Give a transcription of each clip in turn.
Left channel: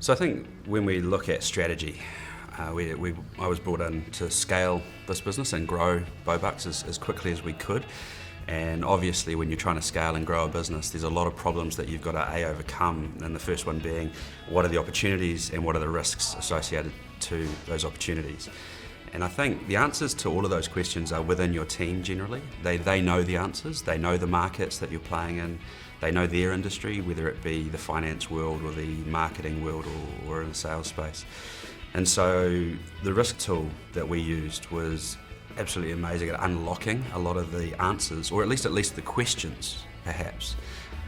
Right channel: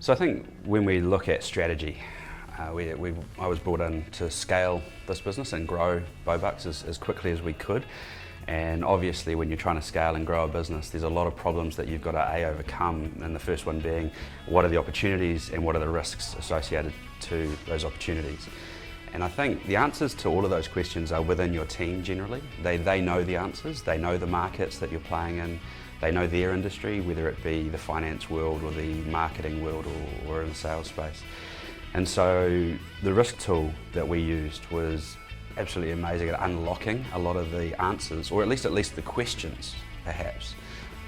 So I think when we look at strategy, I was brought in to scale this business and grow Bobucks as quickly as we could. And obviously when you're trying to scale and grow a business, there's a lot of problems that you've got to overcome. And the first one being, what are the opportunities and what are the risks associated to those opportunities? And I think the answers to all of those questions are within your team generally. They know the answers, they know the markets that you're playing in, they know their industry, whether it be the finance world or the marketing world or in the sales space. And so the risk tool that we used was absolutely amazing at unlocking a lot of the answers, or at least the questions perhaps,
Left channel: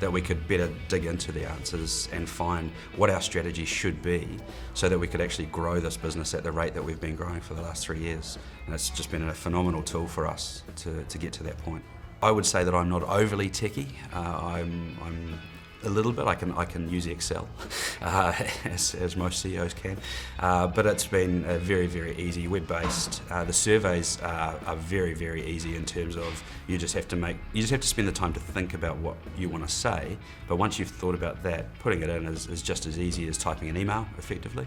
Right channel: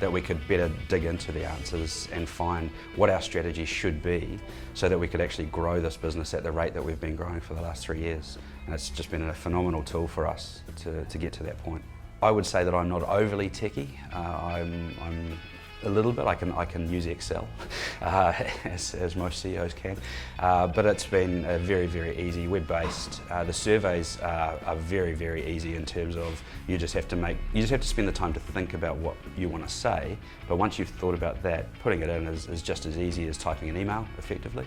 that we could better dig into the answers and find what our strategy should be so that we could actually grow this business at the rate that we've been growing for the last 3 years. And it's just been a phenomenal tool for us to get to that point. I would say that I'm not overly techie. I'm a little bit. I can use Excel, as most CEOs can, but it's been a very, very easy, web-based. The surveys are very, very easy in terms of you just have to spend the time to think about what you want to say. But once you've thought about that, putting it in is just as easy as typing an email effectively,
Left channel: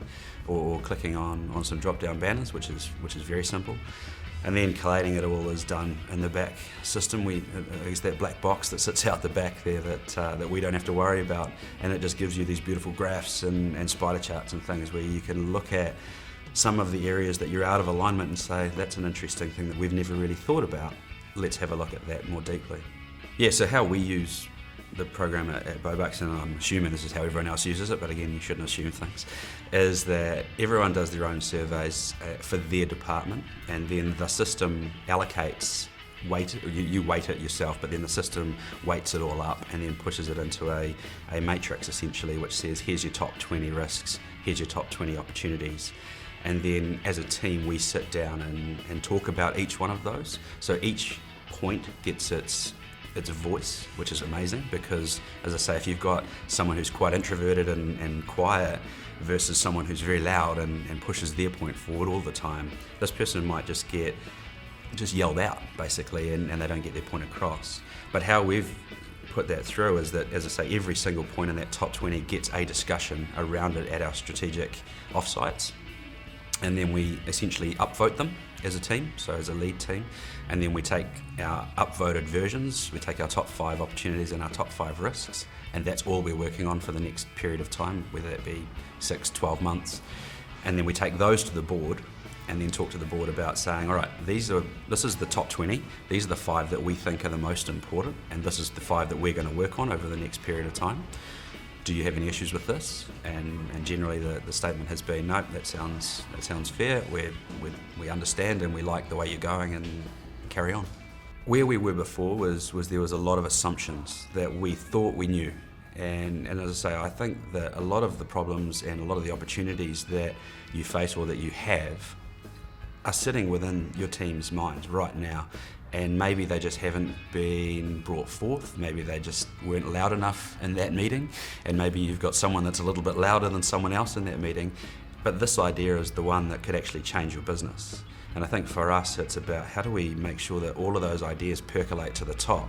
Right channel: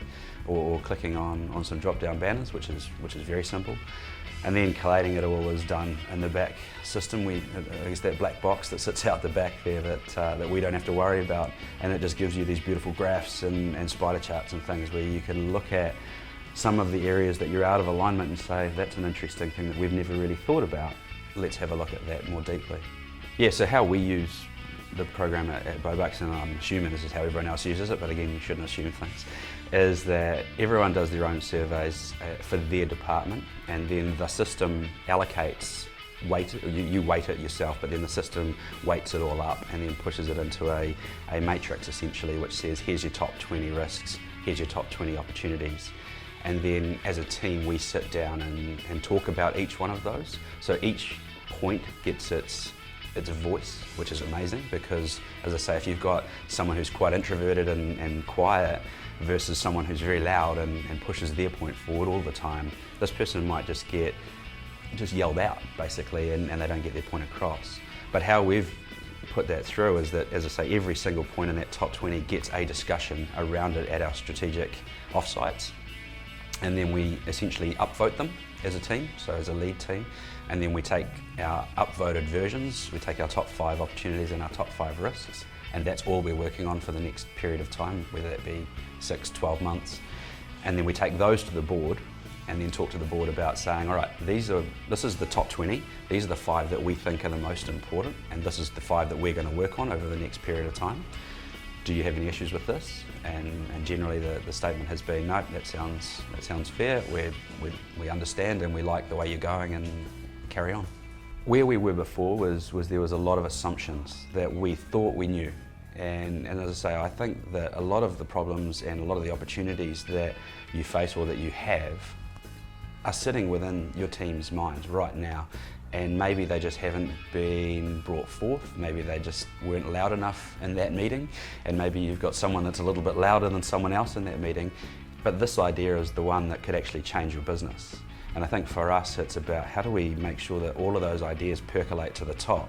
or clicking on some drop-down banners, which is very simple. And then collating it all is done in the back system. There's that black box that sits out the back there that we don't have to worry about, and it just gives you these beautiful graphs and spider charts and things where you can look at some of the areas that you're out of alignment and say, that's an interesting thing that we've never really thought about. Let's have a look at that more deeply. Yeah, so how we use the program at Bobucks, and I'm assuming this is how everyone else uses it, but again, you shouldn't assume things, is that everyone does their own surveys for their department, and then the system allocates weight, you weight it yourself, but then the system weights it all up and then pushes it into a matrix essentially, which says here's your top 20 risks, here's your top 20 opportunities. And then as a team we sit down and talk about each one of those. So each point gets its voice, which is amazing because, as I say, if you've got someone who's quite introverted and quiet versus someone who's very loud and pushes their point forward all the time, this person might just get yelled out basically and they don't get their point across. But how we've put that through is that, as I say, every single point in that top 20 gets a discussion around it at our strategic offsites, and then we essentially upvote them as a team, so as a lead team, and then we take our upvoted versions, we take our top 5 opportunities and our top 5 risks, and that's all we're working on for the next period of time, whether it be 6, 12 months, and then we take those to the board and then talk to the board about saying, all right, this is the top 20, these are the 5 that we think are the most important, and this is the 5 that we're going to work on over the next period of time. Do you have any issues with this? And generally the statement has been, no, that sounds fair, we understand and we like the way you're going, and carry on. Where we were before was there was a lot of assumptions that we thought we knew. And as I say, I think that a lot of the problems and a lot of the opportunities that you face or that you have are sitting within your team's minds right now. And maybe they just haven't been brought forth, maybe they just weren't loud enough in that meeting, and maybe you've got someone that's a little bit louder than someone else in that meeting, but this idea is the one that could actually change your business. And I think for us it's about how do we make sure that all of those ideas percolate to the top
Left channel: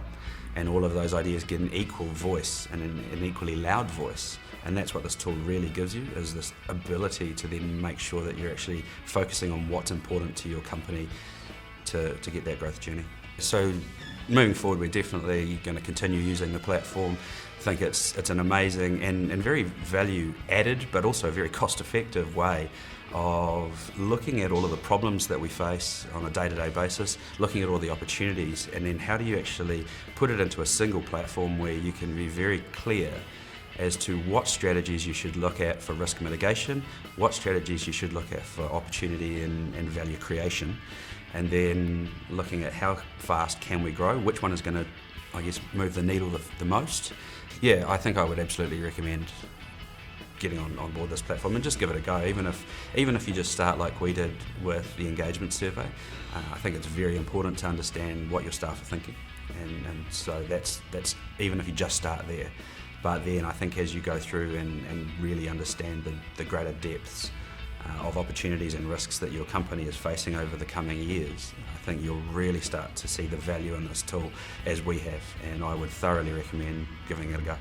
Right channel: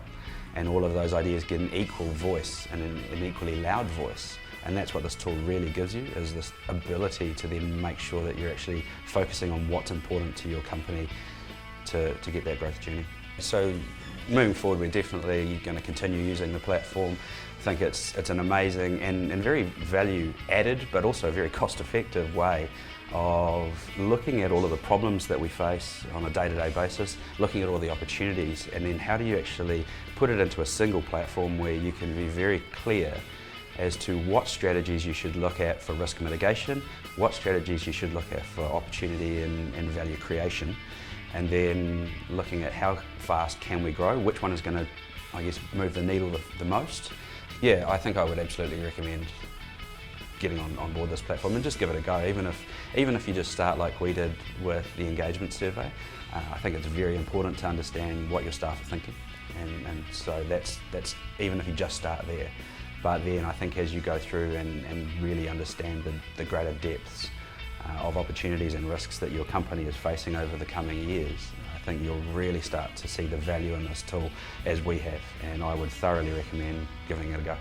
and all of those ideas get an equal voice and an equally loud voice. And that's what this tool really gives you, is this ability to then make sure that you're actually focusing on what's important to your company to get that growth journey. So moving forward, we're definitely going to continue using the platform. I think it's an amazing and very value added, but also a very cost effective way of looking at all of the problems that we face on a day-to-day basis, looking at all the opportunities, and then how do you actually put it into a single platform where you can be very clear as to what strategies you should look at for risk mitigation, what strategies you should look at for opportunity and value creation, and then looking at how fast can we grow, which one is going to, I guess, move the needle the most. Yeah, I think I would absolutely recommend getting on board this platform and just give it a go, even if you just start like we did with the engagement survey. I think it's very important to understand what your staff are thinking, and so that's even if you just start there. But then I think as you go through and really understand the greater depths of opportunities and risks that your company is facing over the coming years, I think you'll really start to see the value in this tool as we have, and I would thoroughly recommend giving it a go.